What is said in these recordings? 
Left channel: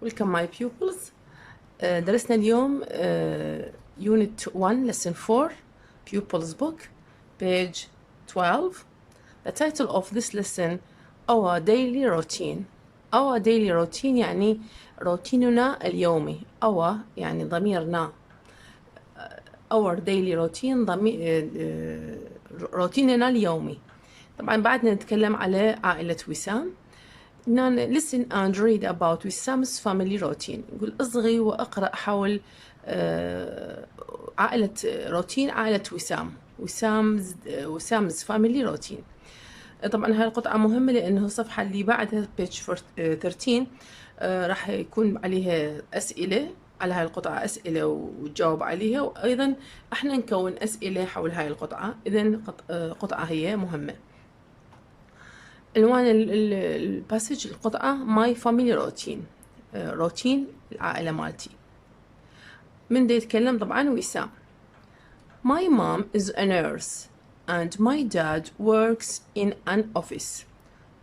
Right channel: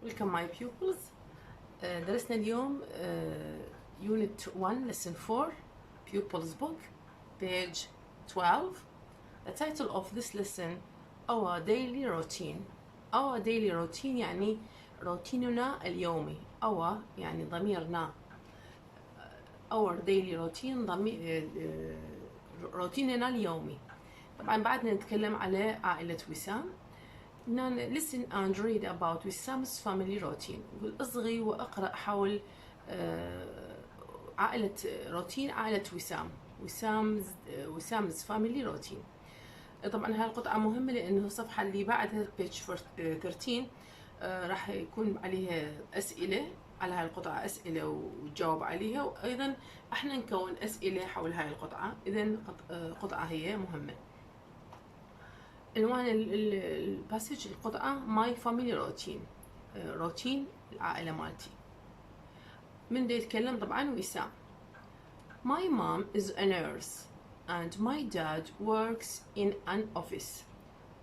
Welcome my pupils. درسنا اليوم Unit 1 Lesson 4 Pupils Book page 12. The title of this lesson Our Daily Routine. Our Daily Routine يعني روتيننا اليومي. Our يعني ضميرنا. Our Daily Routine روتيننا اليومي. طبعا بعدنا نتكلم على عائلة وسام. Listen and read about Wissam's family routine. يقول اصغي واقرأ حول عائلة روتين عائلة وسام's family routine. طبعا هاي القطعة مهمة لأنه الصفحة اللي بعدها page 13 راح يكون عليها أسئلة على هاي القطعة، أسئلة وتجاوب عليها، وأيضا احنا نكون أسئلة حول هاي القطعة. إذن قطعة هي مهمة. عنوان الباسج القطعة My Family Routine، روتين العائلة مالتي. من دا يتكلم؟ طبعا وسام. My mom is a nurse and my dad works in an office.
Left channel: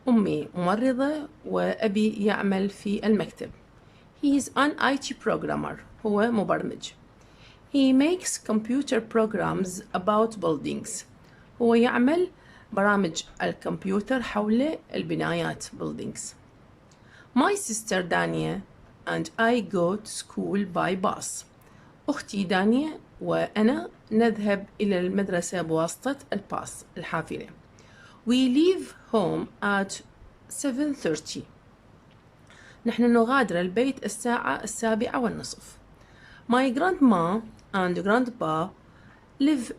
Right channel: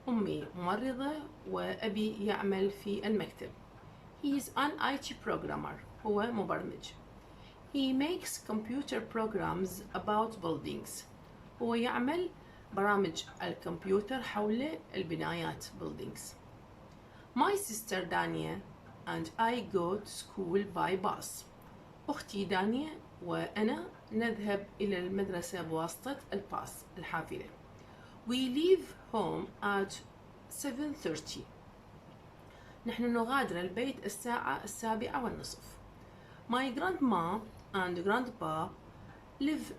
أمي ممرضة وأبي يعمل في المكتب. He is an IT programmer. هو مبرمج. He makes computer programs about buildings. هو يعمل برامج الكمبيوتر حول البنايات buildings. My sister Dania and I go to school by bus. أختي دانيا وأنا نذهب إلى المدرسة بواسطة الباص الحافلة. We leave home at 7:30. نحن نغادر البيت الساعة 7:15. My grandma and grandpa live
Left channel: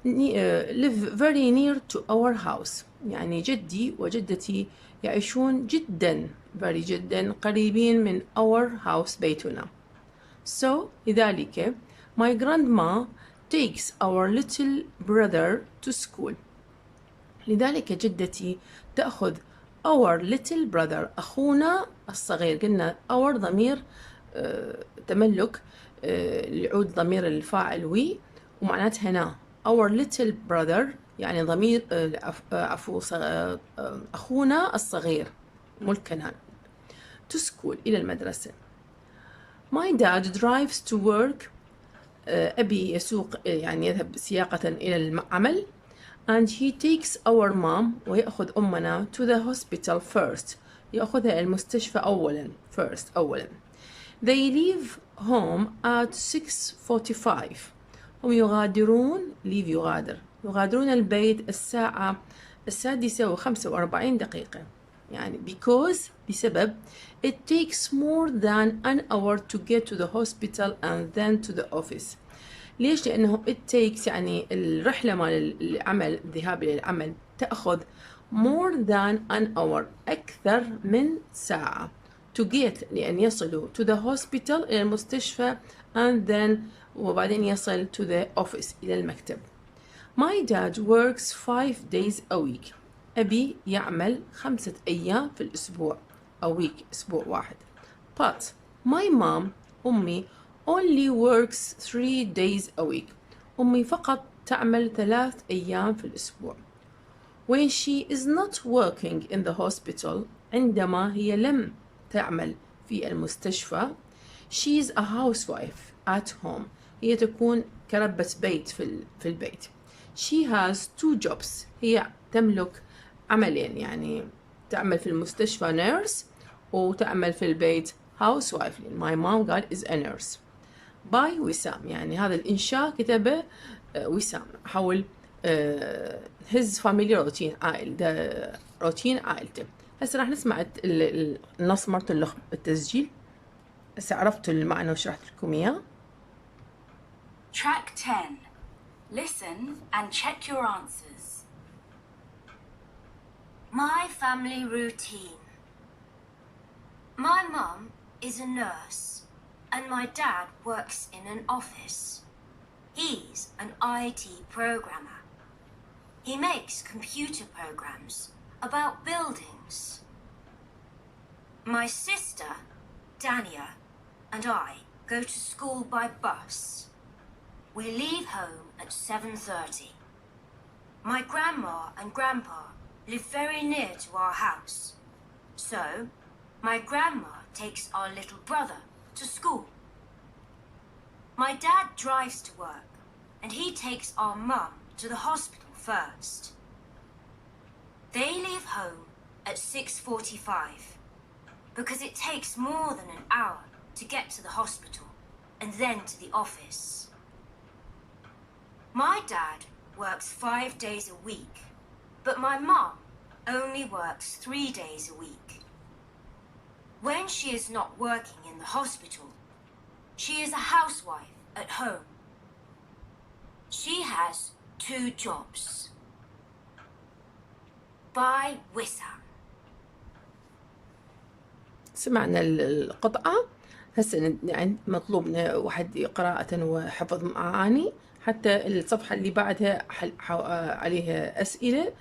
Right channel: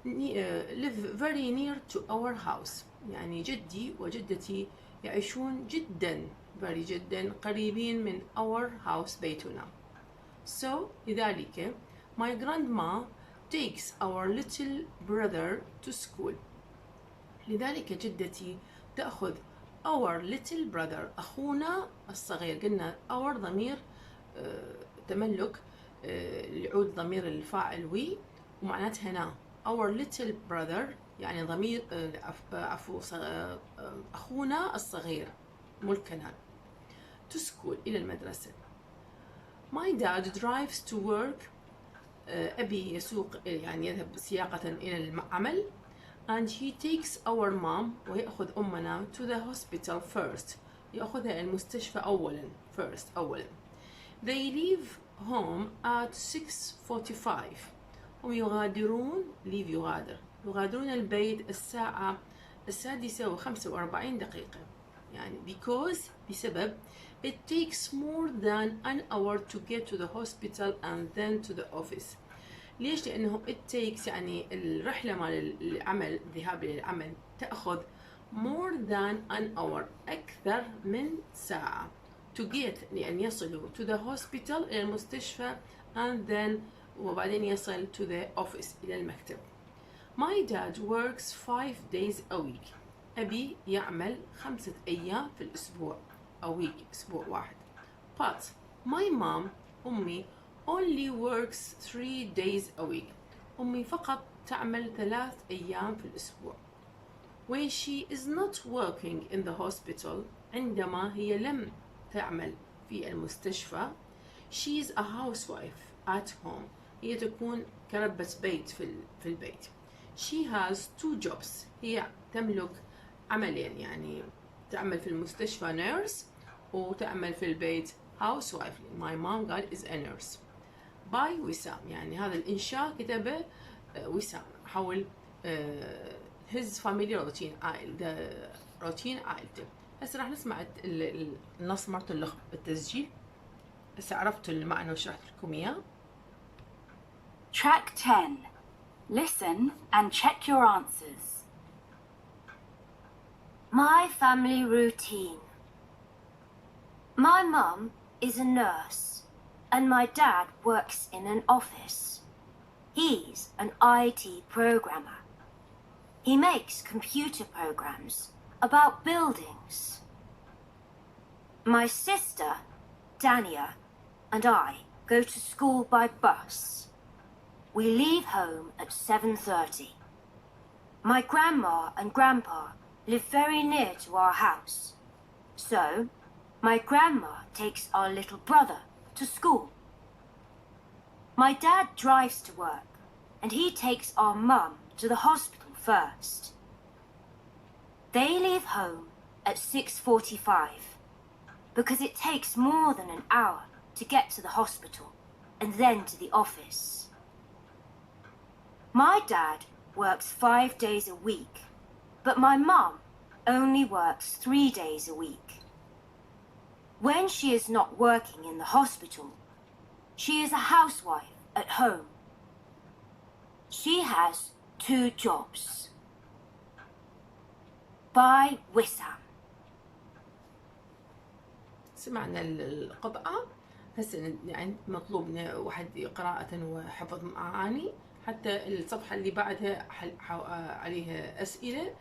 very near to our house. يعني جدي وجدتي يعيشون جدا قريبين من our house بيتنا. So لذلك my grandma takes our little brother to school. لذلك جدتي تأخذ our little brother أخونا الصغير. قلنا our ضمير تملك يعود ضمير الفاعل وي ومعناتها هنا our little brother يعني ضمير أخونا الصغير ملكنا to school إلى المدرسة. My dad drives to work. أبي يسوق يعني يذهب سياقة إلى العمل. And he takes our mom ويأخذ أمنا to the hospital first. يأخذها المستشفى أولا أولا. They leave home at 6:45. هم يغادرون يغادرون البيت الساعة 6:45. يعني because بسبب it takes more than an hour to get to the hospital and then to the office. ليش؟ لأنه it takes يعني الرحلة مال العمل، الذهاب إلى العمل تأخذ more than an hour أكثر من ساعة to get لأن يصلوا to the hospital إلى المستشفى and then وبعدين يصل to the office إلى المكتب. My dad works 5 days a week. أبي يعمل 5 أيام في الأسبوع. a week أسبوع واحد. But my mom أمي only works 3 days a week. أمي فقط تعمل 3 أيام في الأسبوع. When she is not working in the hospital عندما هي لم تعمل في المستشفى she is a housewife at home. هي تكون كربة بيت في البيت. She has 2 jobs. هي تملك عملين، يعني تعمل في المستشفى nurse وتعمل في البيت housewife. My mom قال is a nurse. by وسام، يعني هذا الإنشاء كتبه وسام حول his family routine روتين عائلته. هسه راح نسمع النص مرة التسجيل. هسه عرفتوا المعنى وشرحت لكم إياه. Track 10. Listen and check your answers. My family routine. My mum is a nurse and my dad works in an office. He's an IT programmer. He makes computer programs about buildings. My sister, Dania, and I go to school by bus. We leave home at 7:30. My grandma and grandpa live very near to our house. So, my grandma takes our little brother to school. My dad drives to work, and he takes our mum to the hospital first. They leave home at 6:45 because it takes more than an hour to get to the hospital and then to the office. My dad works 5 days a week, but my mum only works 3 days a week. When she is not working in the hospital, she is a housewife at home. She has 2 jobs. By Wissam. سمعنا القطعة. هسه يعني مطلوب واحد قراءة وحفظ معاني، حتى الصفحة اللي بعدها عليها أسئلة،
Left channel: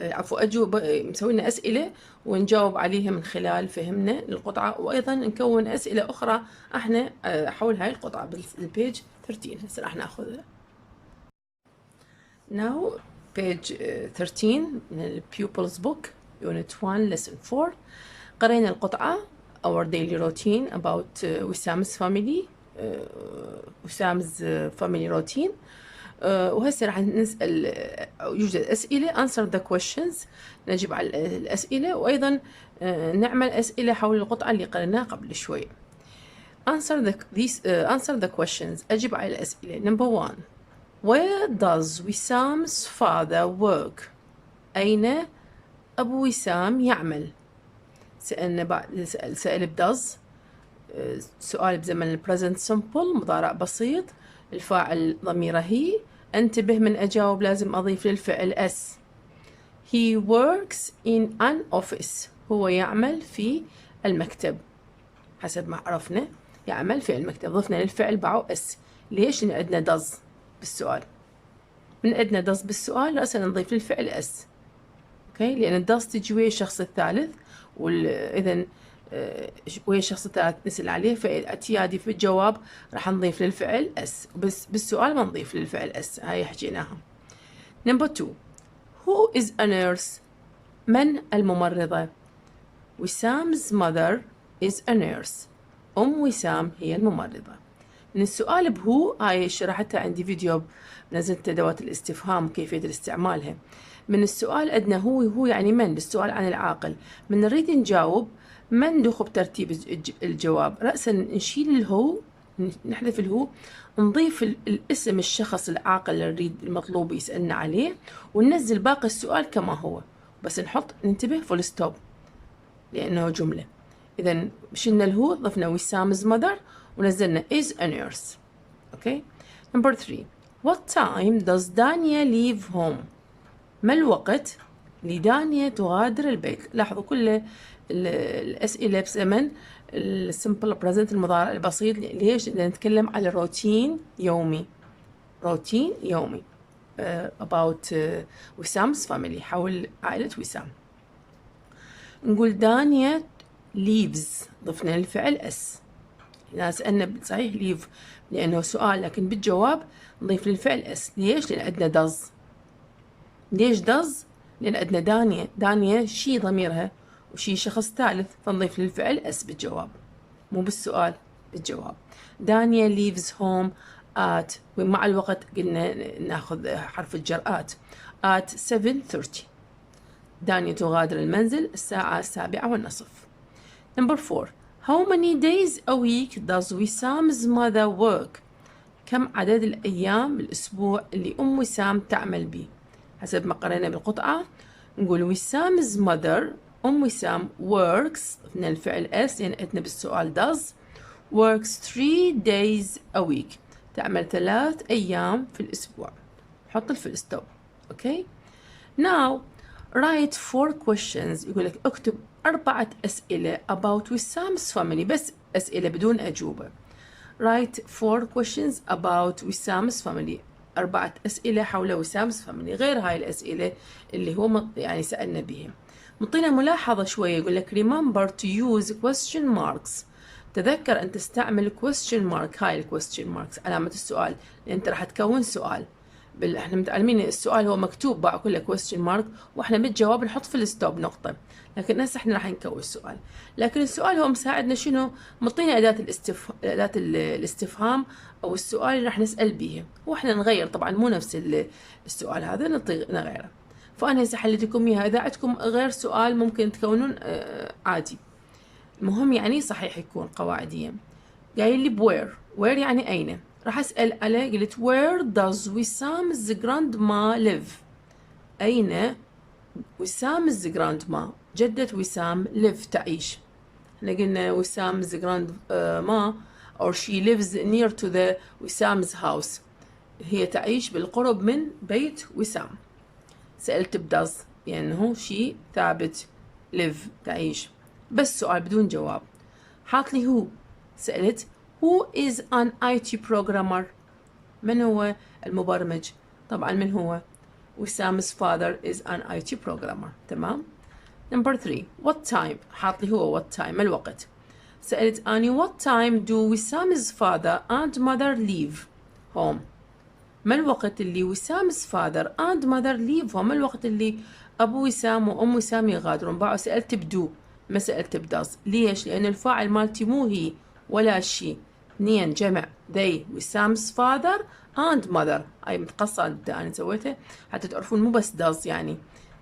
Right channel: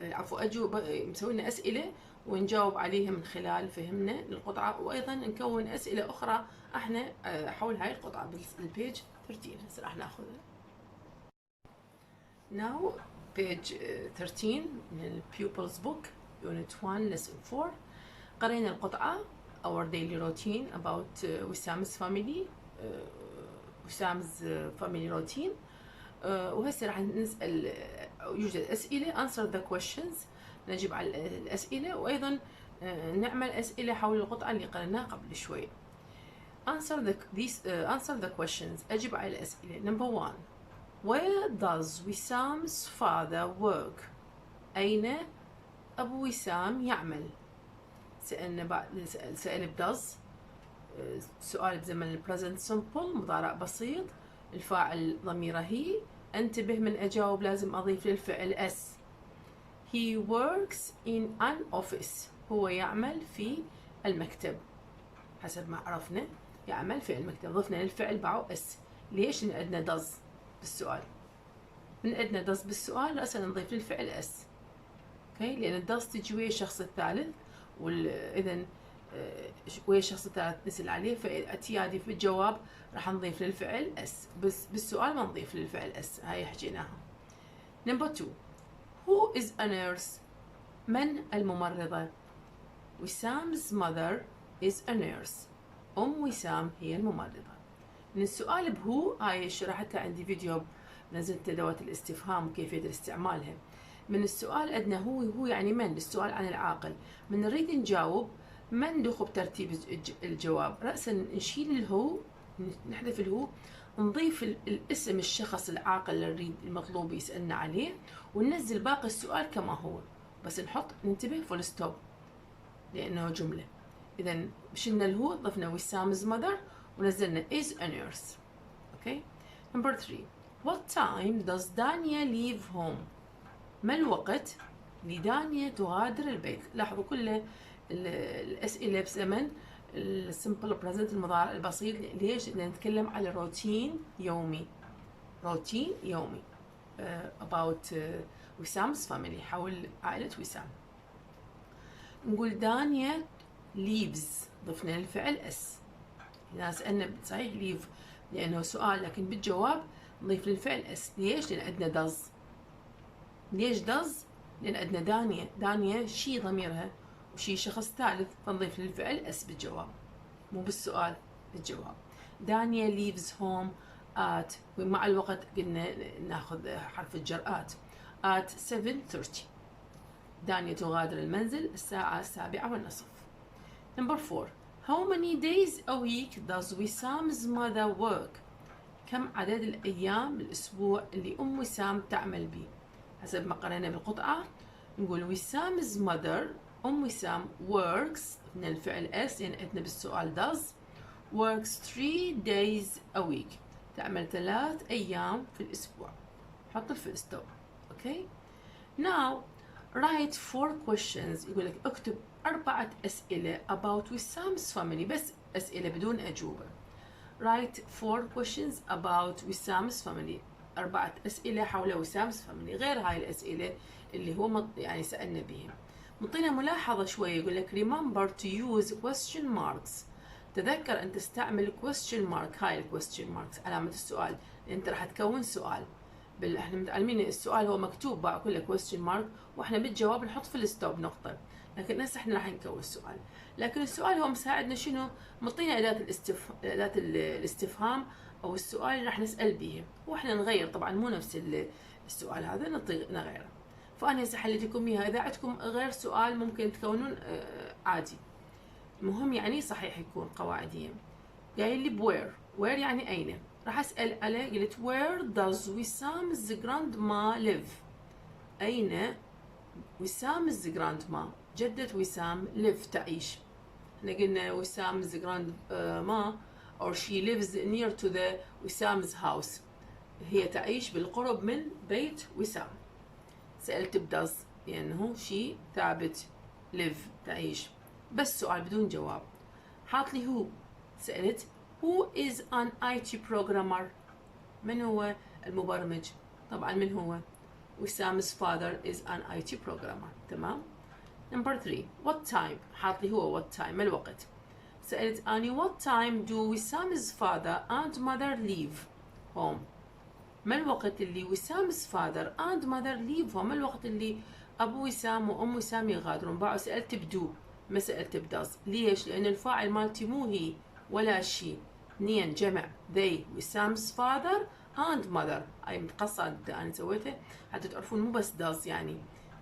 عفوا أجوبة، مسوي لنا أسئلة ونجاوب عليها من خلال فهمنا للقطعة، وأيضا نكون أسئلة أخرى احنا حول هاي القطعة بالبيج 13. هسه راح ناخذها. Now page 13 من ال Pupils Book Unit 1 Lesson 4. قرينا القطعة Our Daily Routine about وسام's Family، وسام's Family Routine. وهسه راح نسأل، يوجد أسئلة Answer the questions، نجيب على الأسئلة، وأيضا نعمل أسئلة حول القطعة اللي قريناها قبل شوي. Answer the questions، أجيب على الأسئلة. Number 1. Where does وسام's father work؟ أين أبو وسام يعمل؟ سألنا بعد سأل does، سؤال بزمن ال present simple مضارع بسيط، الفاعل ضميره هي، انتبه من أجاوب لازم أضيف للفعل s. He works in an office، هو يعمل في المكتب، حسب ما عرفنا يعمل في المكتب، ضفنا للفعل بعو s. ليش؟ لأن عندنا does بالسؤال، من عندنا does بالسؤال رأسا نضيف للفعل s. اوكي، لأن does تجي ويا الشخص الثالث، وإذا ويا الشخص الثالث نسأل عليه، فاعتيادي في الجواب راح نضيف للفعل اس، بس بالسؤال ما نضيف للفعل اس. هاي حكيناها. Number 2. Who is a nurse؟ من الممرضة؟ وسام's mother is a nurse، وسام هي الممرضة. من السؤال بهو، هاي شرحتها عندي فيديو، نزلت أدوات الاستفهام كيفية استعمالها. من السؤال عندنا هو يعني من، السؤال عن العاقل، من نريد نجاوب من ندخل بترتيب الجواب، رأسا نشيل الهو، نحذف الهو، نضيف الاسم الشخص العاقل اللي نريد المطلوب يسألنا عليه، وننزل باقي السؤال كما هو، بس نحط ننتبه فول ستوب لأنه جملة. إذا شلنا الهو، ضفنا وسام's mother، ونزلنا is a nurse. Okay. Number 3. What time does دانيا leave home؟ ما الوقت لدانيا تغادر البيت؟ لاحظوا كل الأسئلة بزمن السمبل بريزنت المضارع البسيط. ليش؟ لأن نتكلم على روتين يومي، روتين يومي about وسام's family، حول عائلة وسام. نقول دانيا leaves، ضفنا الفعل اس. إذا سألنا صحيح leave لأنه سؤال، لكن بالجواب نضيف للفعل اس. ليش؟ لأن عندنا does. ليش does؟ لأن عندنا دانيا شي ضميرها وشي شخص ثالث، فنضيف للفعل اس بالجواب، مو بالسؤال، بالجواب. دانيا leaves home at، ومع الوقت قلنا ناخذ حرف الجر at 7:30. دانيا تغادر المنزل الساعة 7:15. Number 4. How many days a week does وسام's mother work؟ كم عدد الأيام بالأسبوع اللي وسام تعمل به؟ حسب ما قرينا بالقطعة نقول وسام's mother، وسام works، ضفنا الفعل s لأن عندنا بالسؤال does، works 3 days a week، تعمل 3 أيام في الأسبوع. حط الفل ستوب. أوكي. Now write 4 questions، يقول لك اكتب 4 أسئلة about وسام's family، بس أسئلة بدون أجوبة. write 4 questions about وسام's family، 4 أسئلة حول وسام's family، غير هاي الأسئلة اللي هو يعني سألنا بهم. مطينا ملاحظة شوية، يقول لك remember to use question marks، تذكر أن تستعمل question mark. هاي question marks علامة السؤال، لأن أنت راح تكون سؤال. احنا متعلمين السؤال هو مكتوب بعد كله question mark، واحنا بالجواب نحط في الستوب نقطة، لكن هسه احنا راح نكون السؤال. لكن السؤال هو مساعدنا شنو؟ مطينا أداة الاستفهام أو السؤال اللي راح نسأل به، واحنا نغير طبعا مو نفس السؤال هذا نغيره. فأنا هسه حليت لكم إياها. إذا عندكم غير سؤال ممكن تكونون عادي، المهم يعني صحيح يكون قواعديا. قايل لي بوير، وير يعني أين، راح أسأل عليه. قلت where does وسام's grandma live؟ أين وسام's grandma، جدة وسام live تعيش. احنا قلنا وسام's grandma or she lives near to the وسام's house، هي تعيش بالقرب من بيت وسام. سألت بداز يعني هو شي ثابت، live تعيش، بس سؤال بدون جواب. حاط لي هو، سألت who is an IT programmer، من هو المبرمج؟ طبعا من هو؟ وسام's father is an IT programmer. تمام. Number 3 what time، حاط لي هو what time، ما الوقت. سألت أني what time do وسام's father and mother leave home، ما الوقت اللي وسام's father and mother leave home، ما الوقت اللي أبو وسام وأم وسام يغادرون. باعوا سألت بدو ما سألت بداز. ليش؟ لأن الفاعل مالتي مو هي ولا شي، اثنين جمع they وسام's father and mother. أي متقصد أنا سويته حتى تعرفون مو بس does، يعني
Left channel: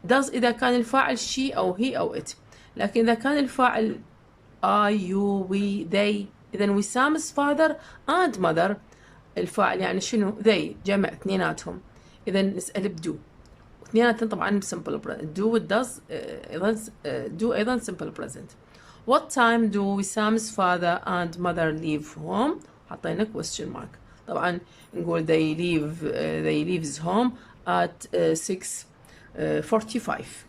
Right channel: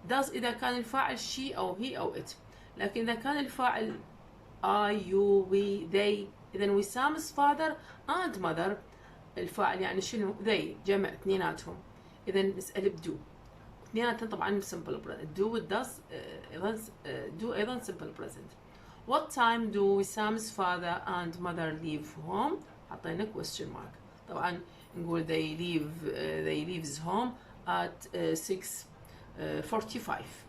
does إذا كان الفاعل شي أو هي أو it، لكن إذا كان الفاعل I you we they، إذا وسام's father and mother الفاعل يعني شنو؟ they جمع اثنيناتهم، إذا نسأل بدو. اثنيناتهم طبعا simple present، do و does أيضا do أيضا simple present. What time do وسام's father and mother leave home؟ حطينا question mark. طبعا نقول they leaves home at 6:45.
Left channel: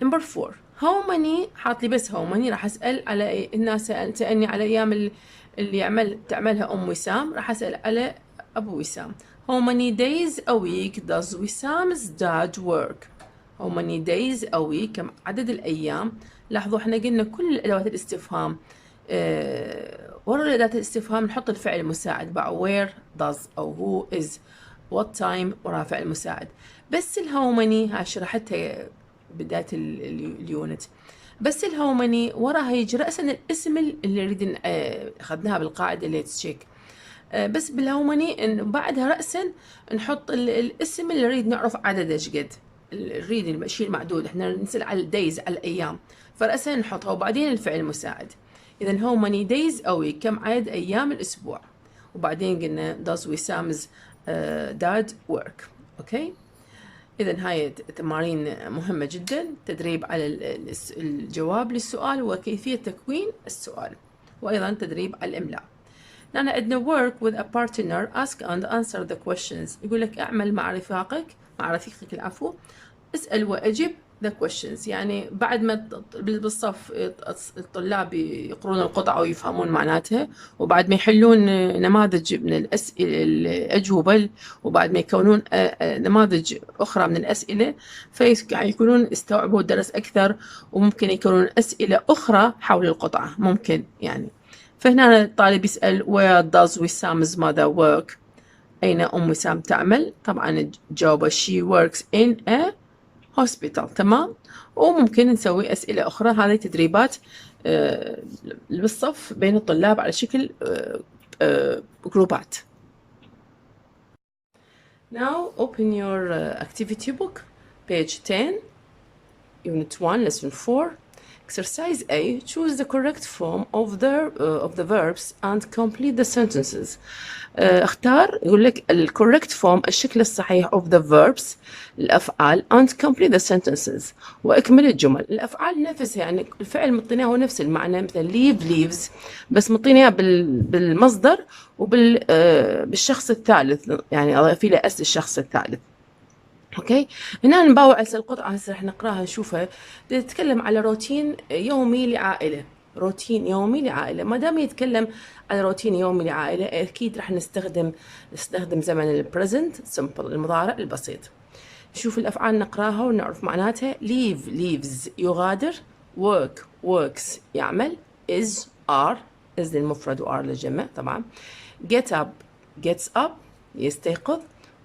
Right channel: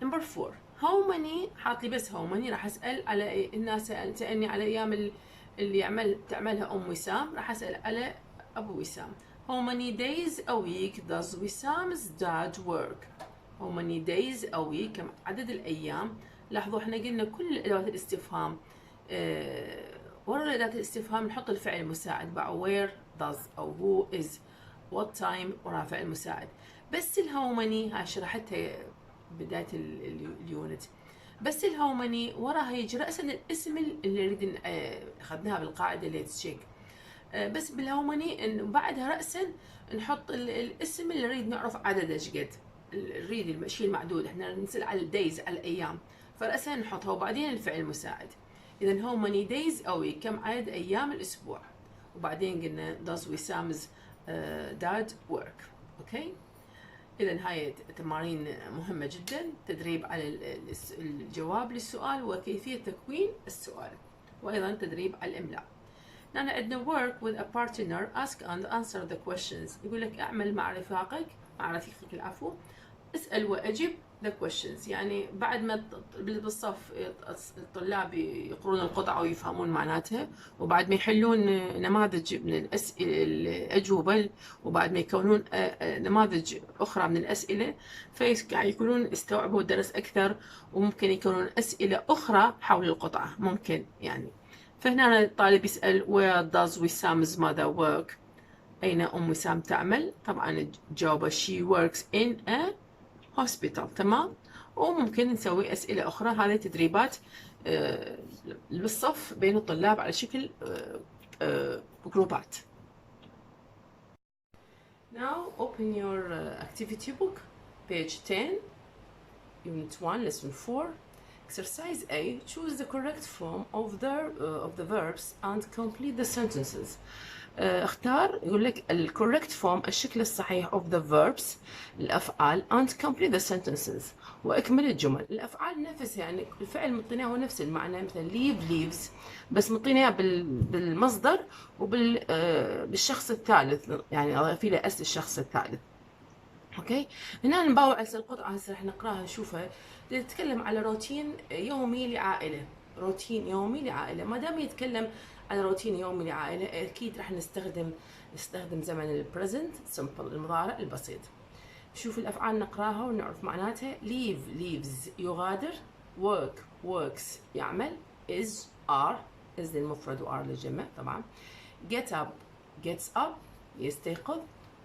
Number 4 how many، حاط لي بس how many. راح أسأل على الناس، سألني على أيام اللي تعملها أم وسام، راح أسأل على أبو وسام. how many days a week does وسام's dad work؟ how many days a week، كم عدد الأيام. لاحظوا احنا قلنا كل أدوات الاستفهام ورا أداة الاستفهام نحط الفعل المساعد بقى where does أو who is what time وراها فعل مساعد. بس الهاو ماني هاي شرحتها بداية اليونت، بس الهاو ماني وراها يجي رأسا الاسم اللي نريد أخذناها بالقاعدة اللي تشيك. بس بالهاو ماني بعدها رأسا نحط الاسم اللي نريد نعرف عدده ايش قد، نريد الشيء المعدود. احنا نسأل على الدايز على الأيام، فرأسا نحطها وبعدين الفعل المساعد. إذا how many days a week، كم عدد أيام الأسبوع. وبعدين قلنا does وسام's dad work. أوكي. إذا هاي تمارين مهمة جدا، تدريب على الجواب للسؤال وكيفية تكوين السؤال، وأيضا تدريب على الإملاء. لأن عندنا work with a partner ask and answer the questions، يقول لك اعمل مع رفيقك العفو، اسأل وأجب the questions. يعني بعد ما بالصف الطلاب يقرون القطعة ويفهمون معناتها، وبعد ما يحلون نماذج من الأسئلة الأجوبة، وبعد ما يكونون نماذج أخرى من الأسئلة، فيكونون استوعبوا الدرس أكثر، وممكن يكونون أسئلة أخرى حول القطعة ممكن يعني. فهنا الطالب يسأل where does وسام's mother work، أين أم وسام تعمل. طبعا جاوبه she works in a hospital. تمام. وممكن نسوي أسئلة أخرى. هذه تدريبات بالصف بين الطلاب على شكل جروبات. Now open your activity book page 10 unit 1 lesson 4 exercise A. Choose the correct form of the verbs and complete the sentences. اختار، يقول لك ال correct form الشكل الصحيح of the verbs الأفعال and complete the sentences وأكمل الجمل. الأفعال نفسها، يعني الفعل مطيناه هو نفس المعنى، مثل leave leaves، بس مطيناه بالمصدر بالشخص الثالث، يعني أضيف له اس الشخص الثالث. اوكي. هنا نباوع هسه القطعه هسه راح نقراها نشوفها، تتكلم على روتين يومي لعائله. روتين يومي لعائله، ما دام يتكلم على روتين يومي لعائله اكيد راح نستخدم زمن البريزنت سمبل المضارع البسيط. نشوف الافعال نقراها ونعرف معناتها. leave leaves يغادر، work works يعمل، is are is للمفرد و are للجمع طبعا، get up gets up يستيقظ،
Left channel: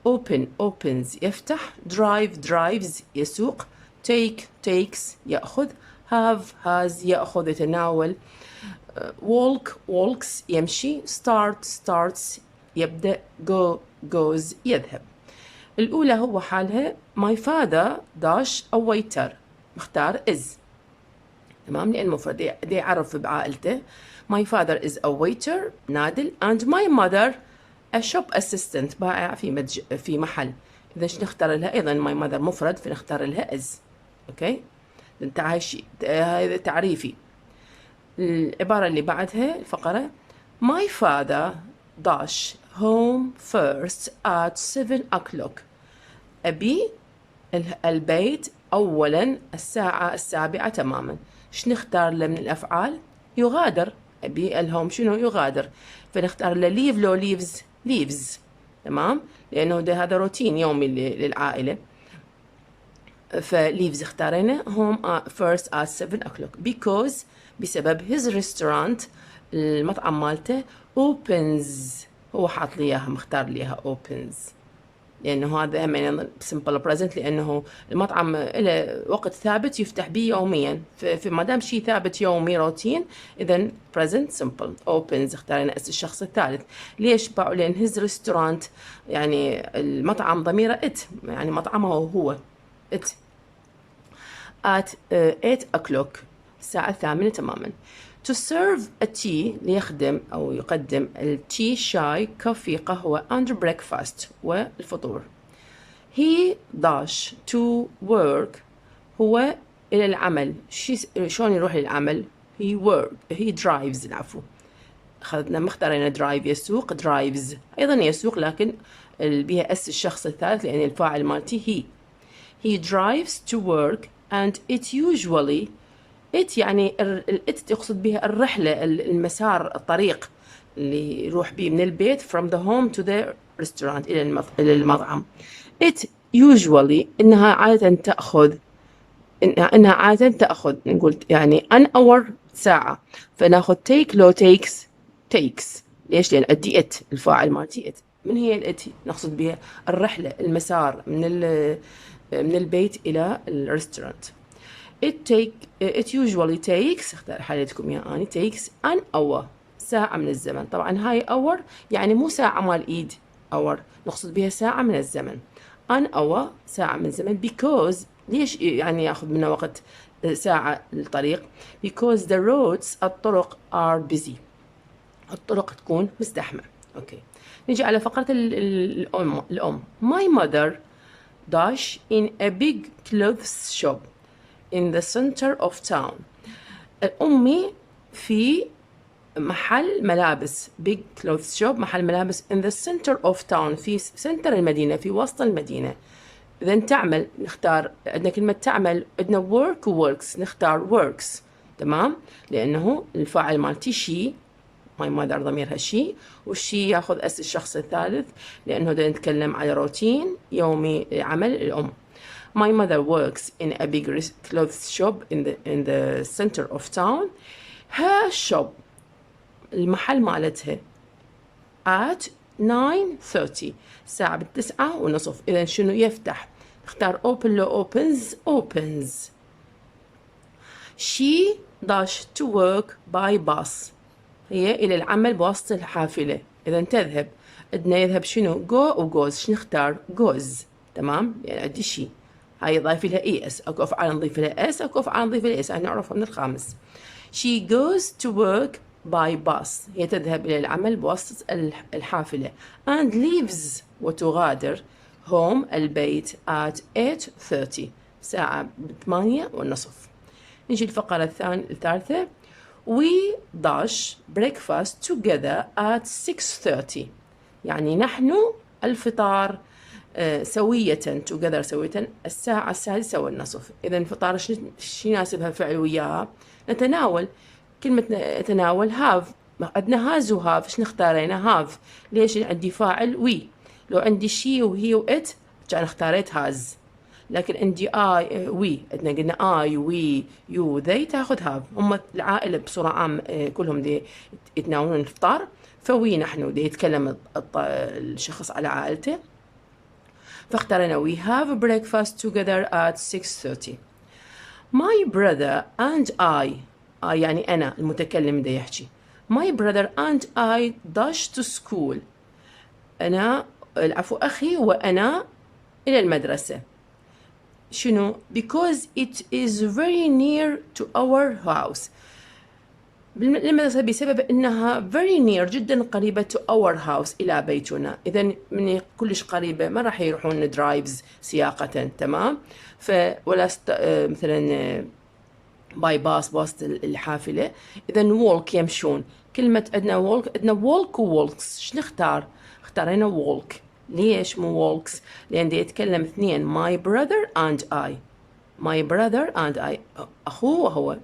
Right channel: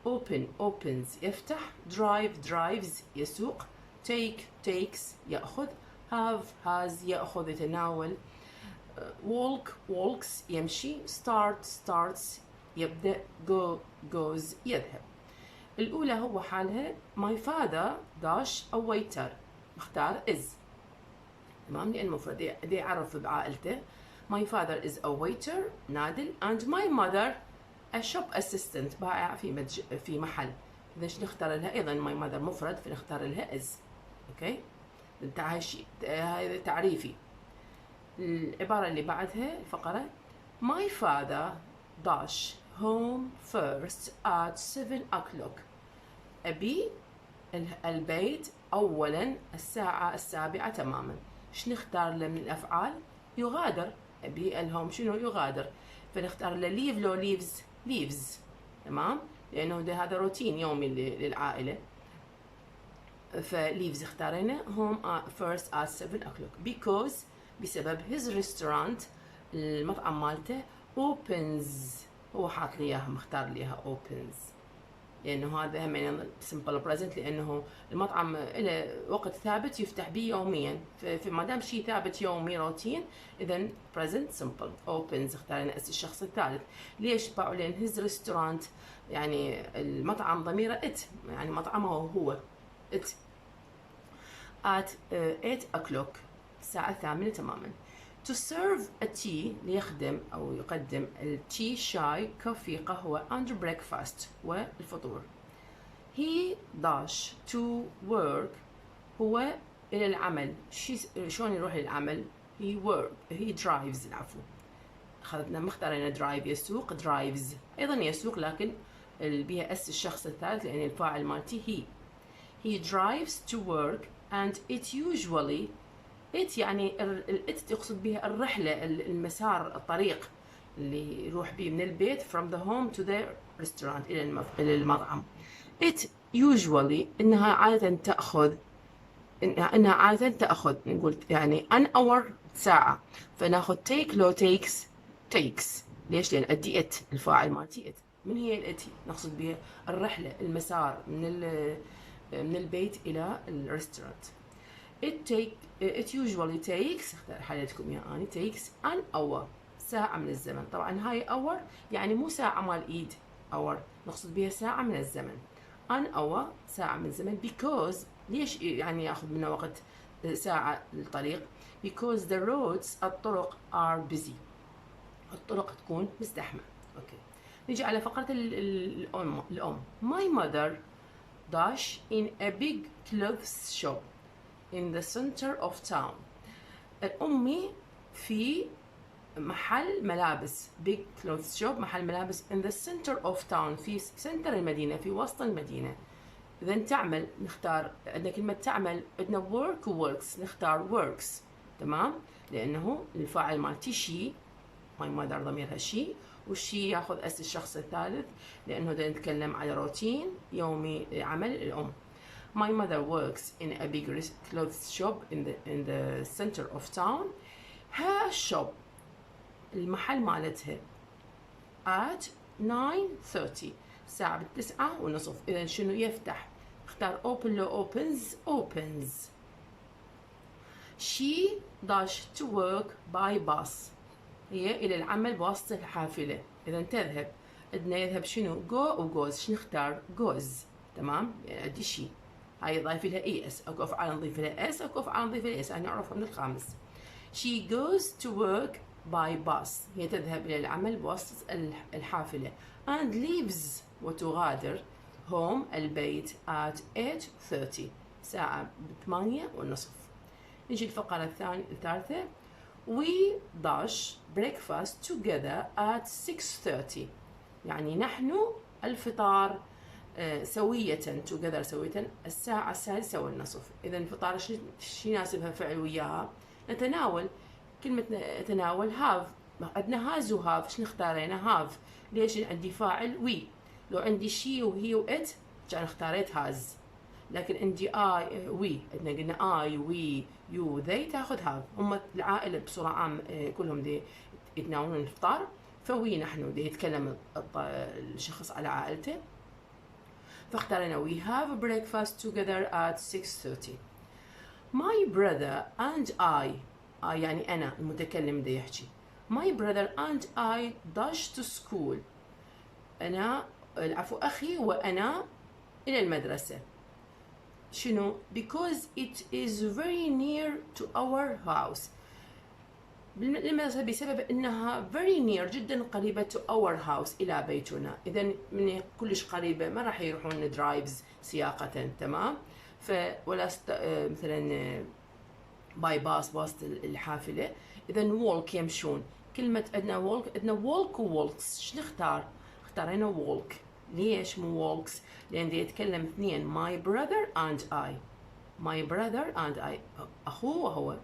open opens يفتح، drive drives يسوق، take takes يأخذ، have has يأخذ يتناول، walk walks يمشي، start starts يبدأ، go goes يذهب. الأولى هو حالها my father dash a waiter، مختار is، تمام، لأن المفرد دي يعرف بعائلته. my father is a waiter نادل and my mother a shop assistant بائع في محل. إذا نختار لها أيضا my mother مفرد فنختار لها is. أوكي، هذا تعريفي. العبارة اللي بعدها الفقرة my father dash home first at 7 o'clock، أبي البيت أولا الساعة 7 تماما. شو نختار له من الأفعال؟ يغادر، أبي الهوم شنو يغادر، فنختار له leave لو leaves تمام، لأنه ده هذا روتين يومي للعائلة، فليفز اختارينا home first at 7 o'clock because بسبب his restaurant المطعم مالته opens، هو حاط لي اياها مختار لي اياها opens، لانه هذا هم simple present، لانه المطعم له وقت ثابت يفتح به يوميا، فما دام شيء ثابت يومي روتين اذا present simple. opens اختارينا اسم الشخص الثالث. ليش باعوا؟ لان his restaurant يعني المطعم ضميره it، يعني مطعمه هو it at 8 o'clock الساعة 8 تماما. to serve a tea ليخدم أو يقدم التي شاي كوفي قهوة and breakfast والفطور. he dash to work هو إلى العمل، شلون يروح للعمل؟ he drives العفو، أخذنا مختارين drive يسوق drives أيضا يسوق، لكن بها اس الشخص الثالث لأن الفاعل مالتي he drives to work and it usually it يعني it تقصد بها الرحلة، المسار، الطريق اللي يروح به من البيت from the home to the restaurant إلى المطعم. it usually إنها عادة تأخذ نقول يعني an hour ساعة، فناخذ take لو takes. ليش؟ لأن أدي it الفاعل مالتي it. من هي الات؟ نقصد بها الرحلة، المسار من البيت إلى الريستورانت. it usually takes اختار حالتكم يا أني takes an hour ساعة من الزمن. طبعا هاي hour يعني مو ساعة مال إيد، hour نقصد بها ساعة من الزمن. an hour ساعة من الزمن because ليش يعني يأخذ منا وقت ساعة الطريق؟ because the roads الطرق are busy، الطرق تكون مزدحمة. أوكي، نجي على فقرة الأم. my mother dash in a big clothes shop in the center of town. أمي في محل ملابس big clothes shop محل ملابس in the center of town في سنتر المدينة، في وسط المدينة. إذا تعمل نختار، عندنا كلمة تعمل، عندنا work works نختار works تمام، لأنه الفاعل مالتي she my mother ضميرها she، والشي ياخذ اس الشخص الثالث لأنه دا نتكلم على روتين يومي عمل الأم. my mother works in a big clothes shop in the center of town. her shop المحل مالتها at 9:30 الساعة 9:30. إذا شنو يفتح؟ اختار open لو opens. she dash to work by bus هي إلى العمل بواسطة الحافلة. إذا تذهب، عندنا يذهب شنو؟ go و goes، شنو نختار؟ goes تمام، يعني عندي شي، هاي ضايف لها اي اس، اكو افعال نضيف لها اس، اكو افعال نضيف لها اس، هاي نعرفها من الخامس. she goes to work by bus هي تذهب إلى العمل بواسطة الحافلة and leaves وتغادر home البيت at 8:30 الساعة 8:30. نجي الفقرة الثالثة we dash breakfast together at 6:30 يعني نحن الفطار سوية together سوية الساعة 6:30. إذا الفطار شو يناسبها فعل وياها؟ نتناول، كلمة نتناول have، عندنا has و have، شو نختارينا؟ have. ليش؟ عندي فاعل وي، لو عندي شي وهي وإت كان اختاريت has، لكن عندي I وي، عندنا قلنا I وي يو ذي تاخذ have. هم العائلة بصورة عامة كلهم دي يتناولون الفطار، فوي نحن دي يتكلم الشخص على عائلته، فاختارنا we have breakfast together at 6:30. My brother and I يعني أنا المتكلم ده يحكي. My brother and I dash to school. أنا العفو أخي وأنا إلى المدرسة. شنو؟ Because it is very near to our house. المدرسة بسبب أنها very near جدا قريبة to our house إلى بيتنا. إذا من كلش قريبة ما راح يروحون درايفز سياقة. تمام. ولا مثلا باي باص الحافلة. إذا walk يمشون. كلمة عندنا walk وwalks. شو نختار؟ اختارينا walk. ليش مو walks؟ لأن دي يتكلم اثنين my brother and I. my brother and I أخوه وهو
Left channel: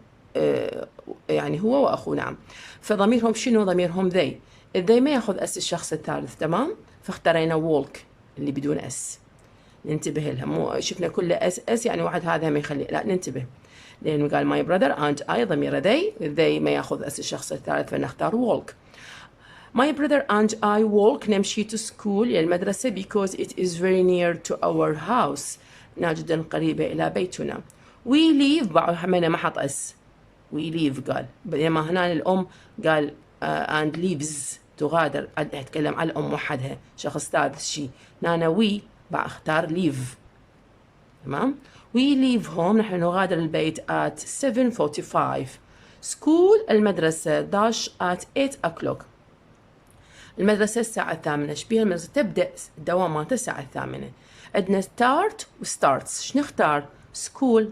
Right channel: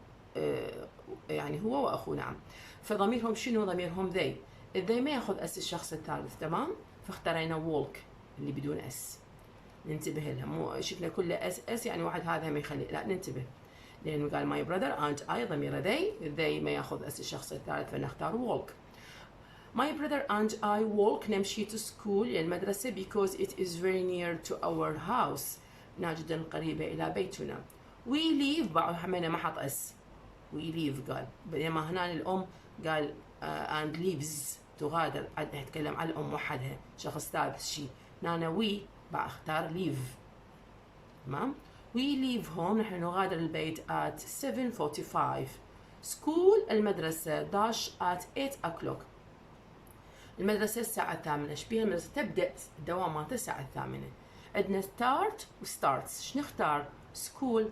يعني هو وأخوه. نعم. فضميرهم شنو؟ ضميرهم they. they ما ياخذ اس الشخص الثالث. تمام. فاختارينا walk اللي بدون اس. ننتبه لها. مو شفنا كله اس يعني واحد هذا ما يخلي. لا ننتبه. لأنه قال my brother and I ضمير they ما ياخذ اس الشخص الثالث فنختار walk. My brother and I walk نمشي to school إلى المدرسة because it is very near to our house. جدا قريبة إلى بيتنا. We leave بعد حمينا ما حط اس. We leave قال. بينما هنا الأم قال and leaves تغادر. أتكلم على الأم وحدها شخص ثالث شيء. هنا we بعد اختار leave. تمام. We leave home نحن نغادر البيت at 7:45. School المدرسة dash at 8 o'clock. المدرسة الساعة 8. ايش بيها المدرسة؟ تبدأ الدوام مالتها الساعة 8. عندنا start و starts. شو نختار؟ school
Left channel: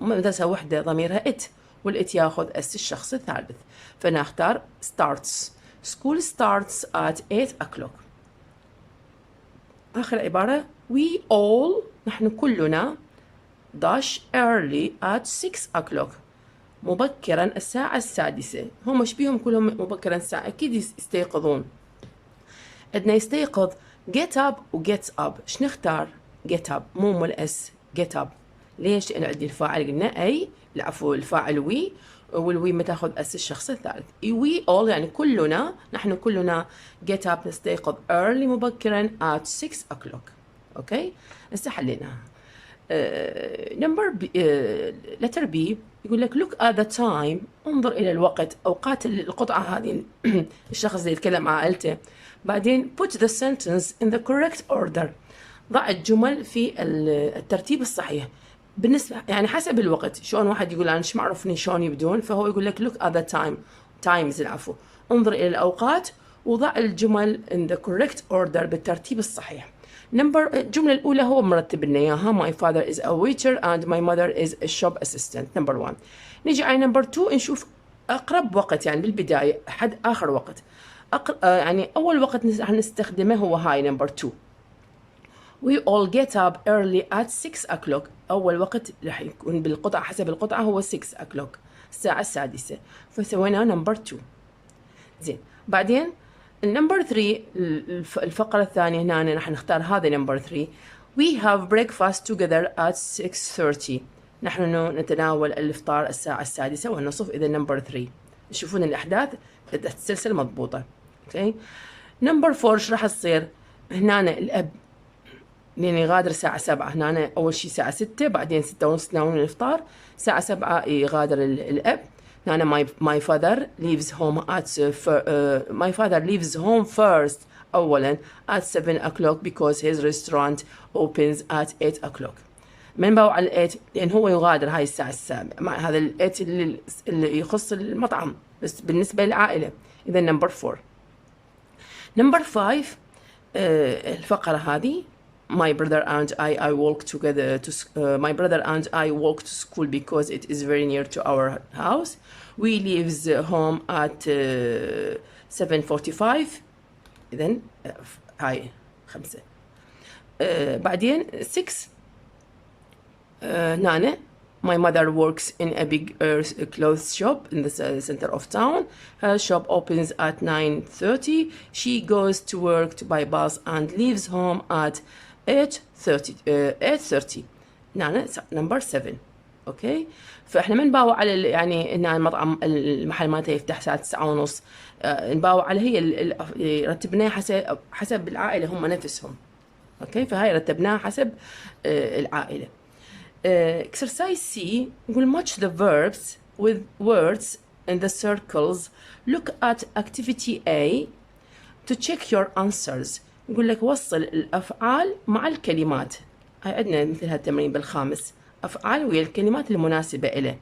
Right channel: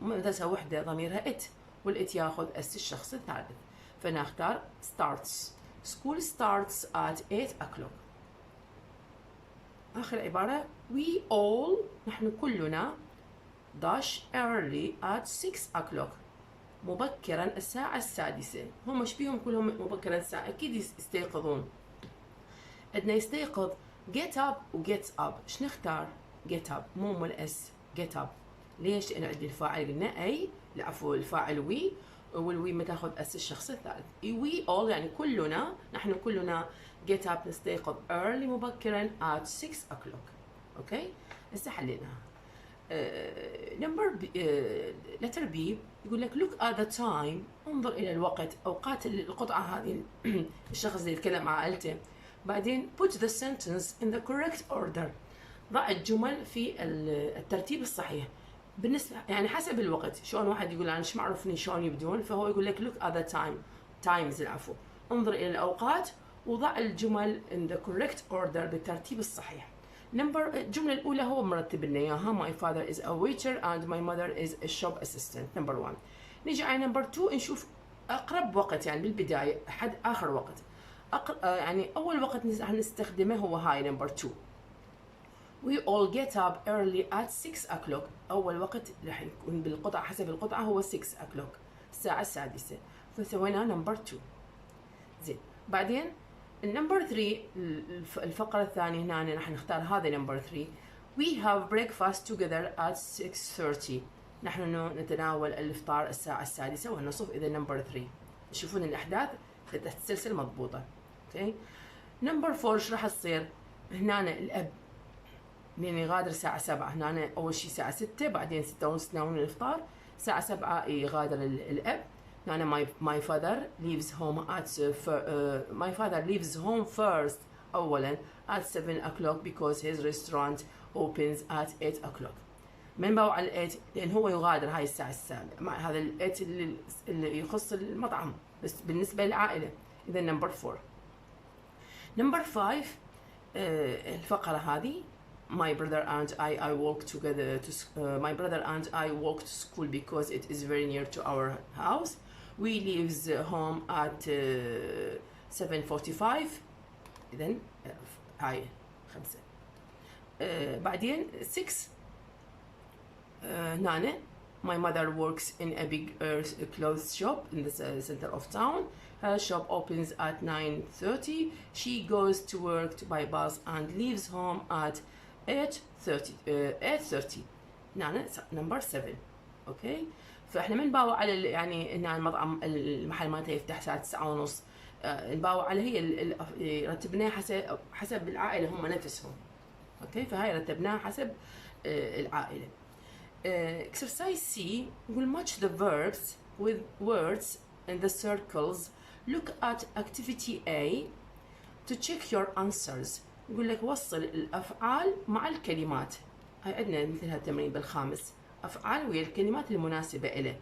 مدرسة وحدة ضميرها it والit ياخذ اس الشخص الثالث فنختار starts. school starts at 8 o'clock. آخر عبارة we all نحن كلنا dash early at 6 o'clock مبكرا الساعة السادسة. هم ايش بيهم كلهم مبكرا الساعة؟ أكيد يستيقظون. عندنا يستيقظ get up و get up. ايش نختار؟ get up مو الاس get up. ليش؟ لأن عندي الفاعل قلنا أي العفو الفاعل وي والوي ما تاخذ اس الشخص الثالث. we all يعني كلنا نحن كلنا get up نستيقظ early مبكرا at 6 o'clock. اوكي هسه حليناها. نمبر letter B يقول لك look at the time انظر إلى الوقت. أوقات القطعة هذه الشخص اللي يتكلم مع عائلته. بعدين put the sentence in the correct order. ضع الجمل في الترتيب الصحيح بالنسبة يعني حسب الوقت. شلون واحد يقول أنا ما أعرفني شلون يبدون فهو يقول لك look at the times العفو انظر إلى الأوقات وضع الجمل in the correct order بالترتيب الصحيح. الجملة الأولى هو مرتب لنا إياها my father is a waiter and my mother is a shop assistant. number 1. نيجي على number 2 نشوف أقرب وقت يعني بالبداية حد آخر وقت. يعني أول وقت نستخدمه هو هاي number 2. we all get up early at 6 o'clock. أول وقت راح يكون بالقطعة حسب القطعة هو 6 o'clock الساعة السادسة فسوينا number 2. زين بعدين number 3 الفقرة الثانية هنا راح نختار هذا number 3. we have breakfast together at 6:30. نحن نتناول الإفطار الساعة السادسة والنصف. إذا number 3 تشوفون الأحداث تتسلسل مضبوطة. اوكي number 4 ايش راح تصير؟ هنا الأب لأن يغادر الساعة 7. هنا أول شيء الساعة 6 بعدين 6:30 يناولون الإفطار. الساعة 7 يغادر الأب. هنا my father leaves home first أولا at 7 o'clock because his restaurant opens at 8 o'clock. من باو على 8 لأن هو يغادر هاي الساعة 7 مع هذا 8 اللي يخص المطعم بس بالنسبة للعائلة. إذا number 4. number 5 الفقرة هذه my brother and I walk together to my brother and I walk to school because it is very near to our house. We leave home at 7:45. إذن هاي 5. بعدين 6 نانا my mother works in a big clothes shop in the center of town. Her shop opens at 9:30. She goes to work by bus and leaves home at 8:30. نانا number 7. اوكي فاحنا ما نباوع على يعني ان المطعم المحل مالته يفتح الساعه 9:30. نباوع على هي رتبناها حسب العائله هم نفسهم. اوكي فهاي رتبناها حسب العائله. exercise C يقول match the verbs with words in the circles. Look at activity A to check your answers. يقول لك وصل الأفعال مع الكلمات. هاي عندنا مثل هالتمرين بالخامس، أفعال ويا الكلمات المناسبة إله.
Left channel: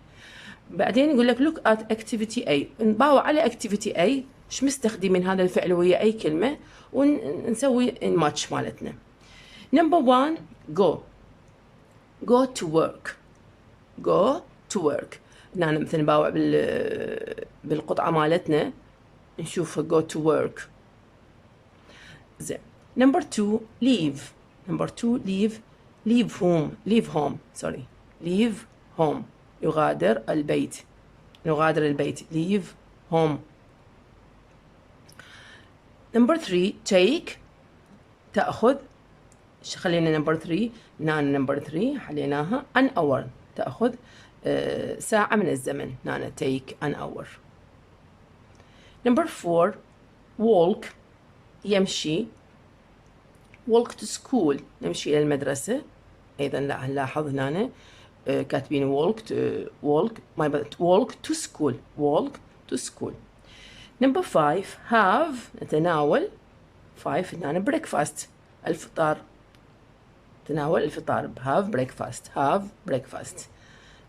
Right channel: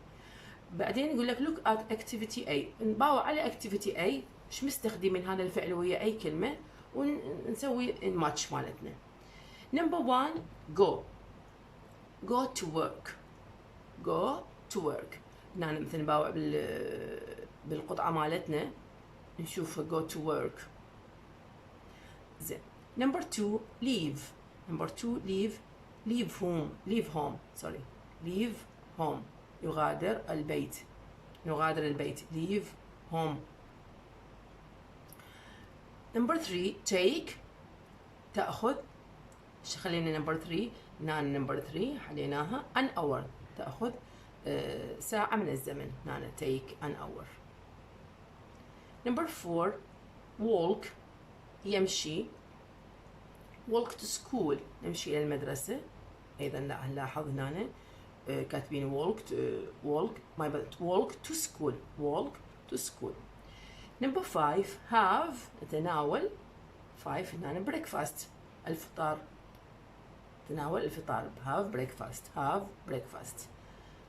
بعدين يقول لك look at activity A، نباوع على activity A شو مستخدمين هذا الفعل ويا أي كلمة ونسوي الماتش مالتنا. Number 1 go to work. go to work. هنا مثل نباوع بالقطعة مالتنا نشوف go to work. زين. Number 2 leave. Number 2 leave home. Sorry. leave home. يغادر البيت. leave home. Number 3 take. تأخذ. خلينا number 3. هنا number 3 حليناها an hour. تأخذ ساعة من الزمن. هنا take an hour. Number 4 walk. يمشي. walk to school. نمشي إلى المدرسة. أيضا نلاحظ هنا كاتبين walk to school. walk to school. Number 5 have. نتناول. 5 هنا breakfast. الفطار. تناول الفطار. have breakfast.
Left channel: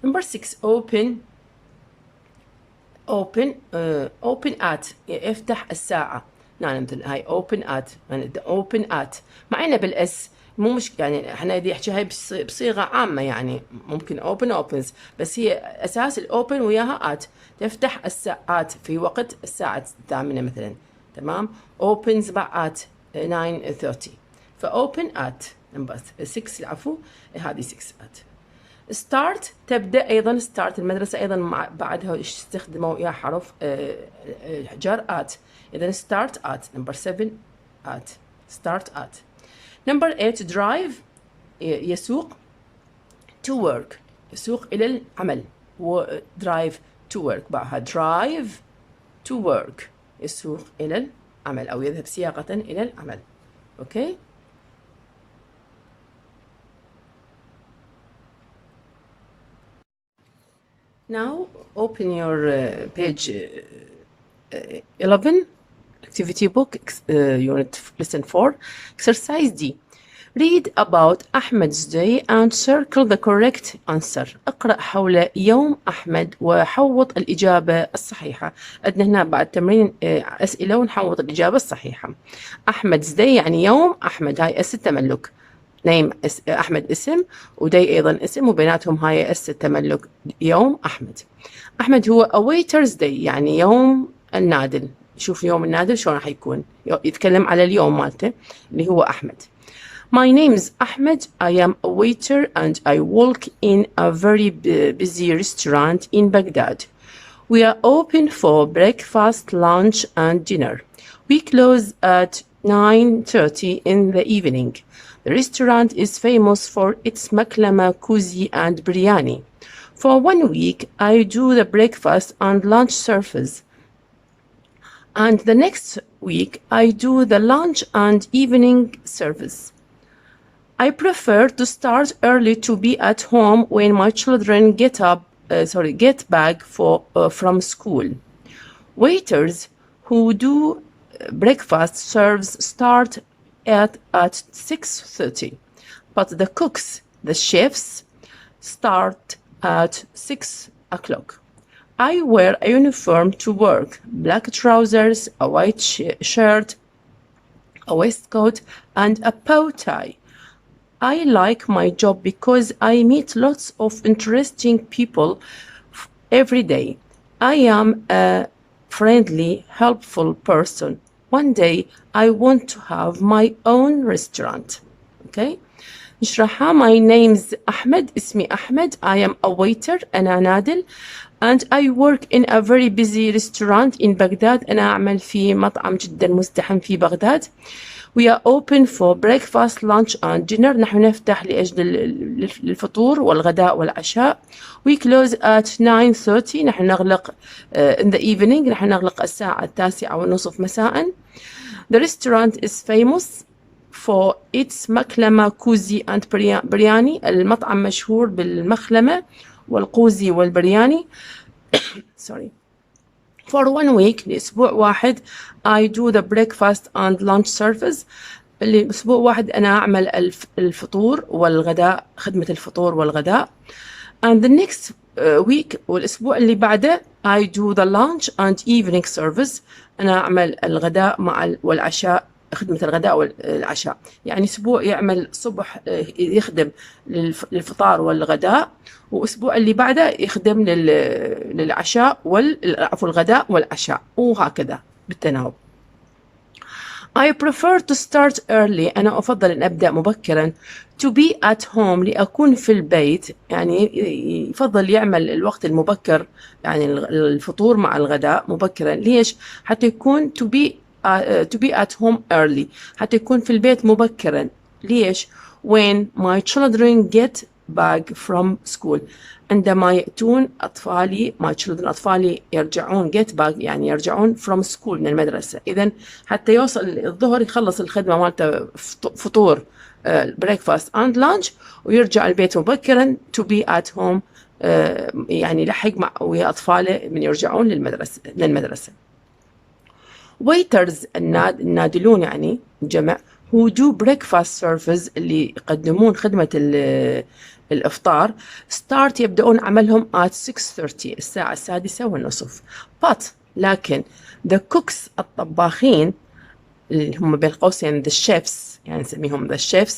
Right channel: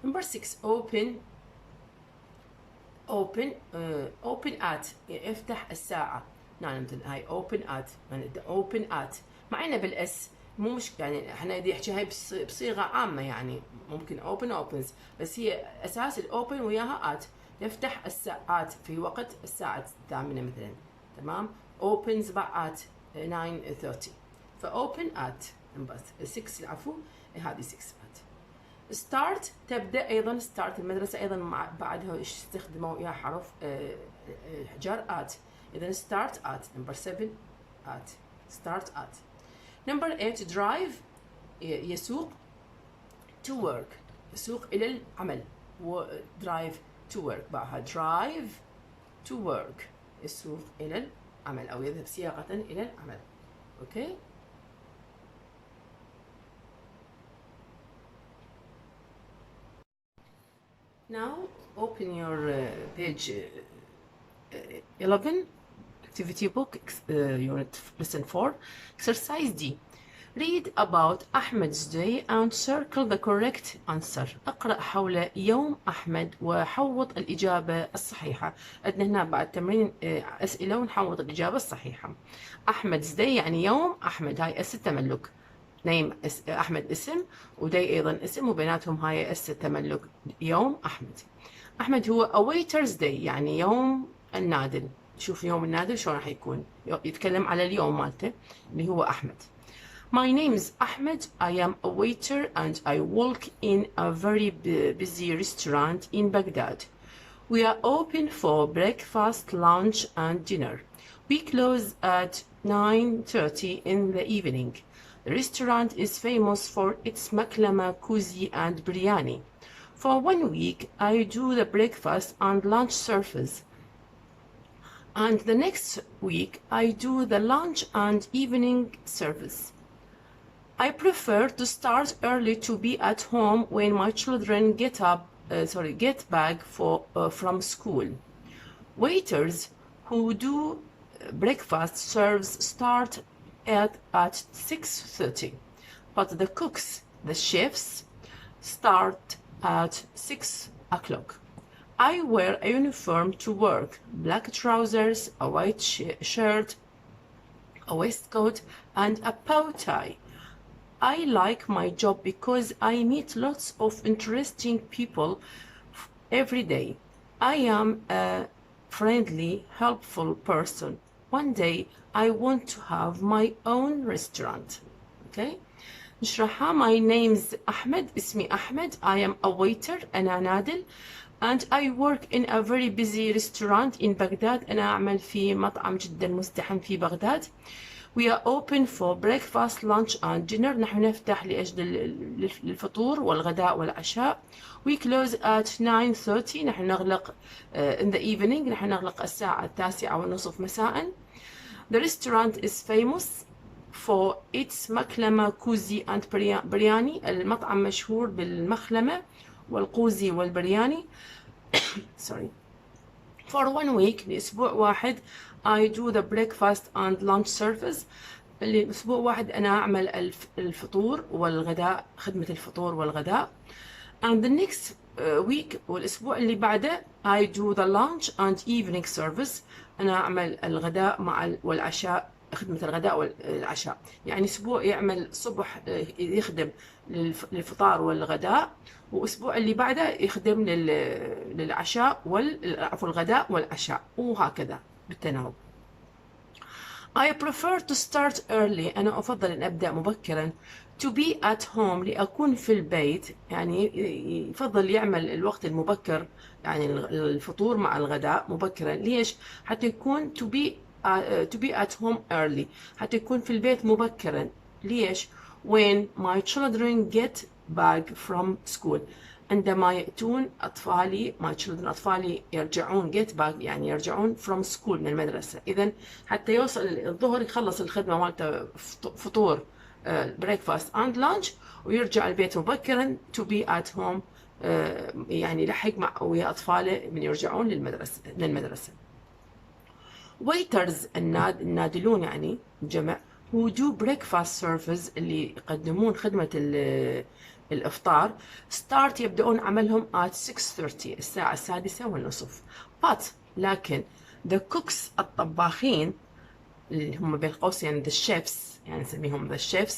Number 6 open at. افتح الساعة. نعم مثل هاي open at معنا بالاس، مو مش يعني احنا بدي احكي هاي بصيغة عامة، يعني ممكن opens بس هي اساس الاوبن وياها at. تفتح الساعات في وقت الساعة 8 مثلا، تمام. opens بعد 9:30 فopen at. نمبر 6 العفو، هذه 6 at. start تبدأ. أيضا start المدرسة أيضا بعدها استخدموا يا حرف جر at. إذا start at. number 7 at. start at. number 8 drive يسوق. to work يسوق إلى العمل. drive to work بعدها drive to work يسوق إلى العمل أو يذهب سياقة إلى العمل. okay. Now open your page 11 activity book unit lesson 4 exercise D. Read about Ahmed's day and circle the correct answer. اقرأ حول يوم أحمد وحوط الإجابة الصحيحة. عندنا هنا بعد تمرين أسئلة ونحوط الإجابة الصحيحة. Ahmed's day يعني يوم أحمد، هاي اس التملك. نيم أحمد اسم ودي أيضا اسم وبيناتهم هاي اس التملك يوم أحمد. أحمد هو a waiter's day يعني يوم النادل. شوف يوم النادل شلون راح يكون، يتكلم على اليوم مالته اللي هو أحمد. My name is Ahmed. I am a waiter and I work in a very busy restaurant in Baghdad. We are open for breakfast, lunch and dinner. We close at 9:30 in the evening. The restaurant is famous for its maklama, kuzi and biryani. For 1 week, I do the breakfast and lunch service. And the next week, I do the lunch and evening service. I prefer to start early to be at home when my children get back from school. Waiters who do breakfast serves start at 6:30, but the cooks, the chefs, start at 6 o'clock. I wear a uniform to work, black trousers, a white shirt, a waistcoat, and a bow tie. I like my job because I meet lots of interesting people every day. I am a friendly, helpful person. One day I want to have my own restaurant. Okay. نشرحها. My name's أحمد. اسمي أحمد. I am a waiter. أنا نادل. And I work in a very busy restaurant in Baghdad. أنا أعمل في مطعم جدا مزدحم في بغداد. We are open for breakfast, lunch and dinner. نحن نفتح لأجل الفطور والغداء والعشاء. We close at 9:30. نحن نغلق in the evening. نحن نغلق الساعة 9:30 مساء. The restaurant is famous for its مخلمة كوزي and برياني. المطعم مشهور بالمخلمة والقوزي والبرياني. sorry. For 1 week لأسبوع واحد I do the breakfast and lunch service. لأسبوع واحد أنا أعمل الفطور والغداء، خدمة الفطور والغداء. And the next week والأسبوع اللي بعده I do the lunch and evening service. أنا أعمل الغداء والعشاء، خدمة الغداء والعشاء. يعني أسبوع يعمل صبح يخدم للفطار والغداء، وأسبوع اللي بعده يخدم للعشاء عفوا الغداء والعشاء، وهكذا بالتناوب. I prefer to start early. أنا أفضل أن أبدأ مبكرا. To be at home لأكون في البيت، يعني يفضل يعمل الوقت المبكر، يعني الفطور مع الغداء مبكرا. ليش؟ حتى يكون to be at home early، حتى يكون في البيت مبكرا. ليش؟ When my children get back from school، عندما يأتون أطفالي my children أطفالي يرجعون get back يعني يرجعون from school من المدرسة. إذن حتى يوصل الظهر يخلص الخدمة مالته فطور breakfast and lunch ويرجع البيت مبكرا to be at home، يعني يلحق مع ويا أطفاله من يرجعون للمدرسة. waiters النادلون يعني جمع who do breakfast service اللي يقدمون خدمة الإفطار start يبدأون عملهم at 6:30 الساعة 6:30. but لكن the cooks الطباخين اللي هم بين قوسين the chefs يعني نسميهم the chefs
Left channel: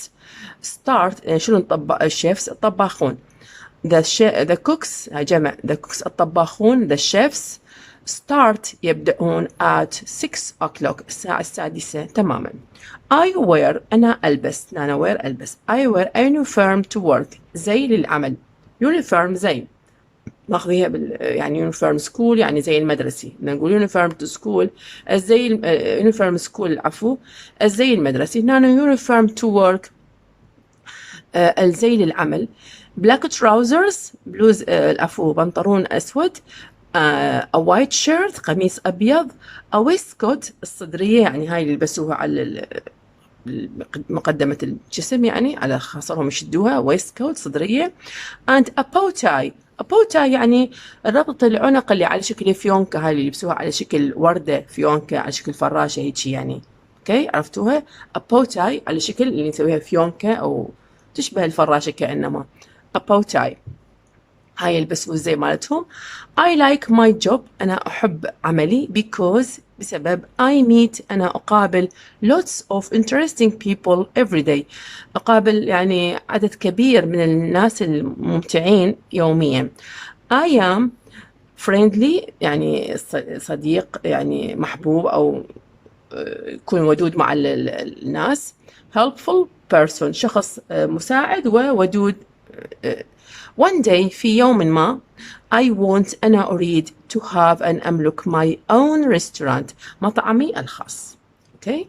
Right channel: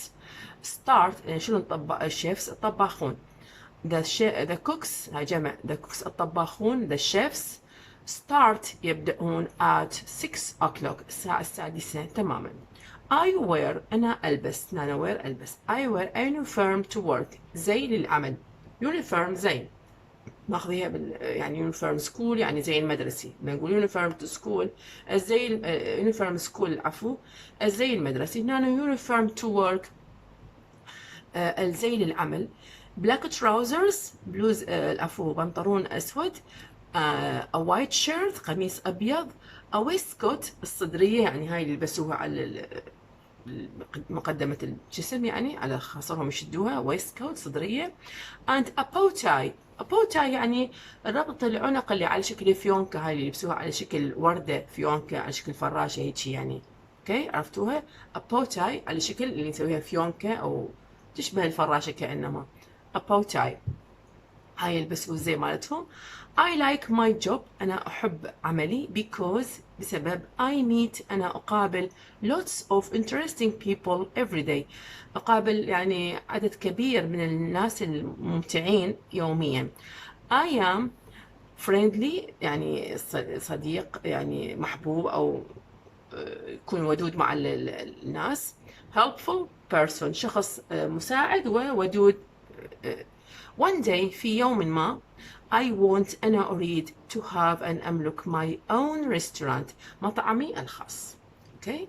start شنو الشيفs الطباخون the cooks جمع the cooks الطباخون the chefs start يبدأون at 6 o'clock الساعة 6 تماما. I wear أنا ألبس wear ألبس I wear a uniform to work زي للعمل. uniform زي ناخذيها يعني uniform school يعني زي المدرسي، نقول uniform to school زي uniform school عفوا زي المدرسي. هنا uniform to work الزي للعمل. black trousers بلوز العفو بنطلون أسود. a white shirt قميص أبيض. a waistcoat الصدرية يعني هاي اللي يلبسوها على مقدمة الجسم يعني على خاصرهم يشدوها waistcoat صدرية. and a bow tie يعني ربط العنق اللي على شكل فيونكة، هاي اللي يلبسوها على شكل وردة فيونكة على شكل فراشة هيجي يعني. اوكي عرفتوها؟ a bow tie على شكل اللي نسويها فيونكة أو تشبه الفراشة كأنما a bow tie. هاي يلبسوا زي مالتهم. I like my job أنا أحب عملي because بسبب I meet أنا أقابل lots of interesting people every day. أقابل يعني عدد كبير من الناس الممتعين يوميا. I am friendly يعني صديق يعني محبوب أو يكون ودود مع الناس. helpful person شخص مساعد وودود. one day في يوم ما I want أنا أريد to have أن أملك my own restaurant مطعمي الخاص. okay.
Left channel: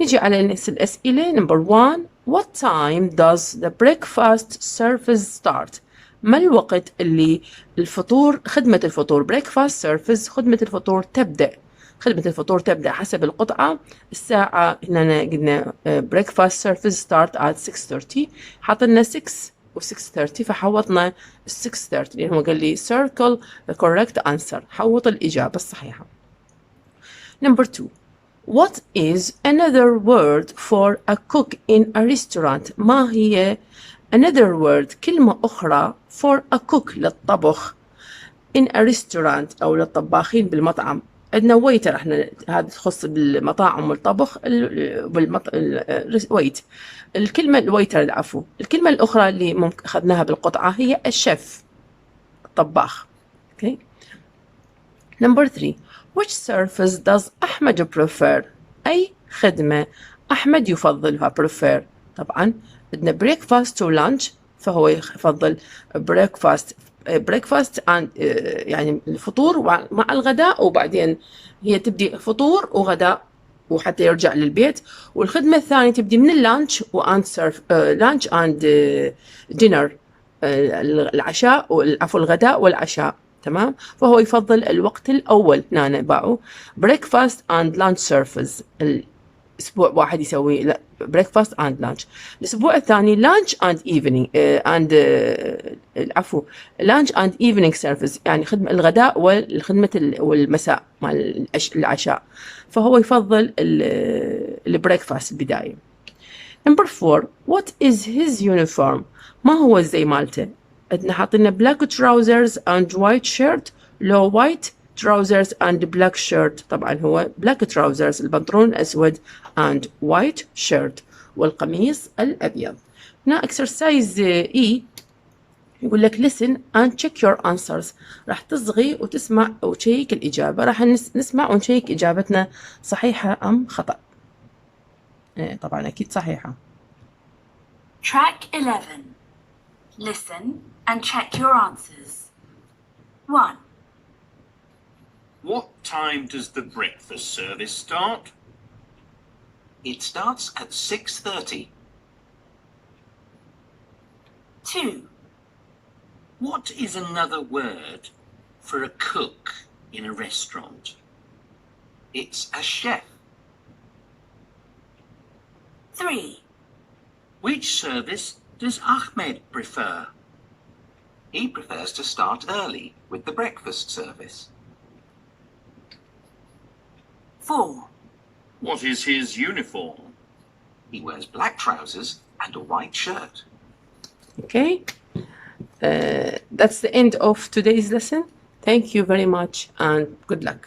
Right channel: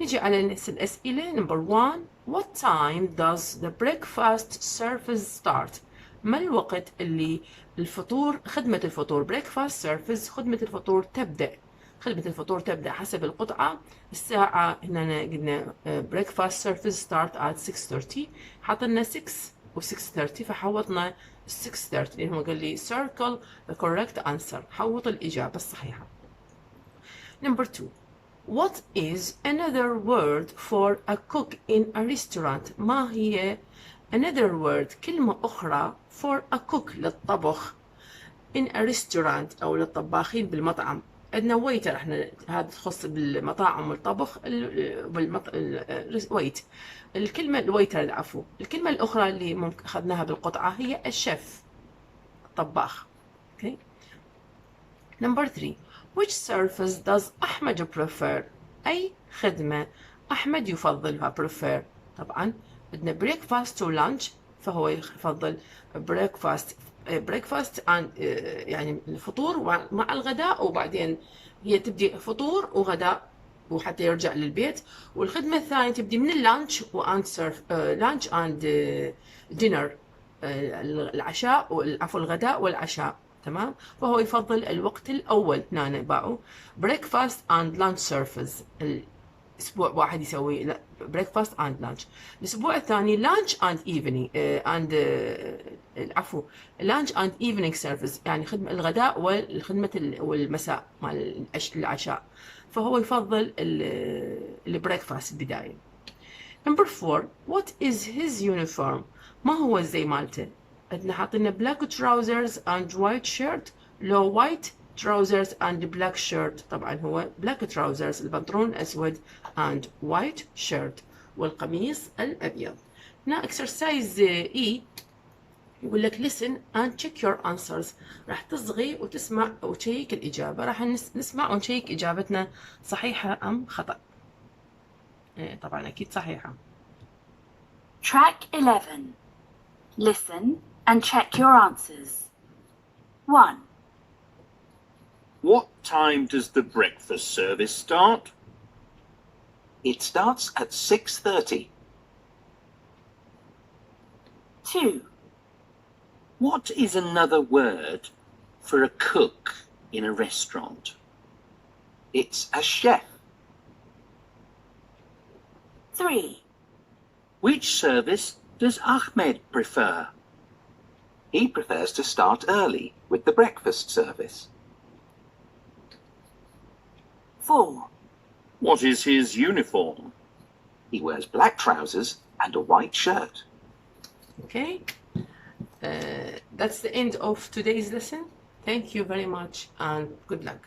نجي على الأسئلة. number 1 what time does the breakfast service start؟ ما الوقت اللي الفطور خدمة الفطور breakfast service خدمة الفطور تبدأ؟ خدمة الفطور تبدأ حسب القطعة الساعة. هنا قلنا breakfast service start at 6:30 حطلنا 6 و 6:30 فحوطنا 6:30 لأنه هو قال لي circle the correct answer حوط الإجابة الصحيحة. number 2 what is another word for a cook in a restaurant؟ ما هي another word كلمة أخرى for a cook للطبخ in a restaurant أو للطباخين بالمطعم. عندنا ويتر احنا هذا تخص بالمطاعم والطبخ ويت. الكلمة الويتر العفو. الكلمة الأخرى اللي ممكن أخذناها بالقطعة هي الشيف الطباخ. okay. number 3 which service does أحمد prefer؟ أي خدمة أحمد يفضلها prefer؟ طبعا بدنا breakfast to lunch فهو يفضل breakfast and يعني الفطور مع الغداء وبعدين هي تبدي فطور وغداء وحتى يرجع للبيت. والخدمة الثانية تبدي من اللانش لانش اند دينر العشاء عفوا الغداء والعشاء. تمام. فهو يفضل الوقت الأول هنا باعوا breakfast and lunch service أسبوع واحد يسوي breakfast and lunch. الأسبوع الثاني lunch and evening العفو lunch and evening service، يعني خدمة الغداء والخدمة والمساء مال العشاء، فهو يفضل البريكفاست البداية. Number 4 what is his uniform؟ ما هو الزي مالته؟ عندنا حاطينا black trousers and white shirt، لو white trousers and black shirt، طبعا هو black trousers البنطلون الأسود and white shirt والقميص الأبيض. هنا exercise E يقول لك listen and check your answers، راح تصغي وتسمع وتشيك الإجابة، راح نسمع ونشيك إجابتنا صحيحة أم خطأ. طبعا أكيد صحيحة. Track 11. Listen and check your answers. 1. What time does the breakfast service start? It starts at 6:30. 2. What is another word for a cook in a restaurant? It's a chef. 3. Which service does Ahmed prefer? He prefers to start early with the breakfast service. 4. What is his uniform? He wears black trousers and a white shirt. Okay, that's the end of today's lesson. Thank you very much and good luck.